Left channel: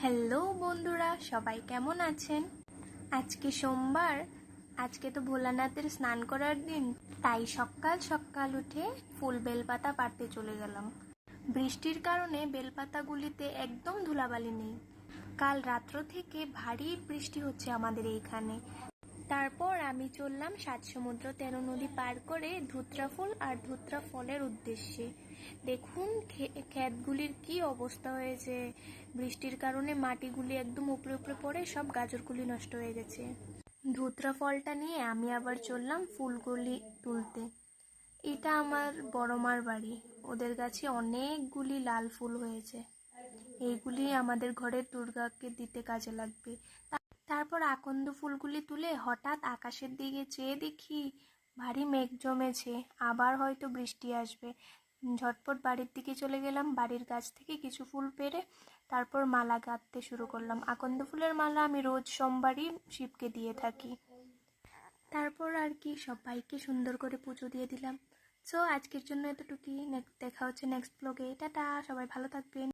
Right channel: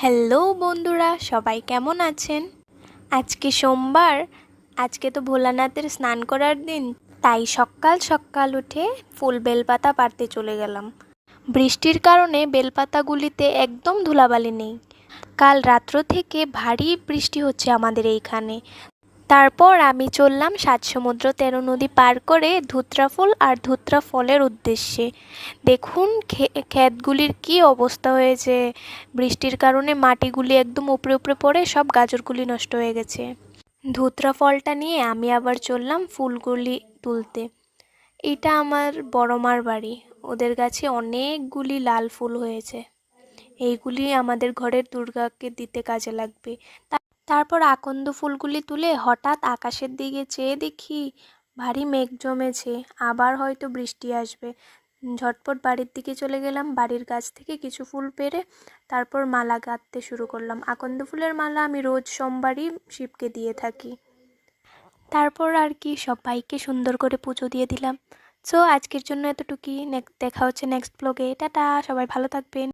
Hello বন্ধুরা, সবাই কেমন আছেন? আজকে সোমবার। আজকে তো ভোলানাথের স্নান করার দিন, তাই সকাল সকাল উঠে ফুল বেলপাতা পাড়তে চলে গেলাম। বৃষ্টির কারণে বেলপাতাগুলিতে একদম ধুলাবালি নেই। কাল রাত্র থেকে ভারী বৃষ্টি হচ্ছে আমাদের এইখানে। তারপর আমি চললাম ৭ সমুদ্র ১৩ নদী পার করে ধুত্রা ফুল আর ধুত্রা ফলের উদ্দেশ্যে। দেখুন ক্ষেতগুলির কি অবস্থা হয়েছে। বৃষ্টির কারণে মাটিগুলি একদম উপরে উপরে পড়ে সব গাজরগুলি নষ্ট হয়ে গেছে। ধুত্রা ফলটা নিয়ে আমি আবার চললাম ফুলগুলি তুলতে। এটা আমার বড় মার বাড়ি। ওদের গাছে অনেকগুলি লাল ফুল হয়েছে। এইগুলি আমাদের ঘরের দুর্গাকে দিতে কাজে লাগবে। তারপর আকন্দ ফুলগুলি তুলে হঠাৎ আকাশের দিকে চেয়ে দেখি ভারী মেঘ জমেছে, আবার হয়তো বৃষ্টি আসবে। ঝটপট বাড়ির দিকে চলে গেলাম। বাড়ির গাছ থেকে কিছু ফুল পেড়ে তারপর মালা গাঁথতে শুরু করলাম। আকন্দ ফুলের মালা আমি রোজ সোমবারই শিবকে দিয়ে থাকি। তারপর আর কি সবাইকে সুন্দর করে পুজো দিয়ে দিলাম। সো আজকের জন্য এতটুকুই। দেখা হচ্ছে নেক্সট ব্লগে। টাটা, সবাই ভালো থাকবেন।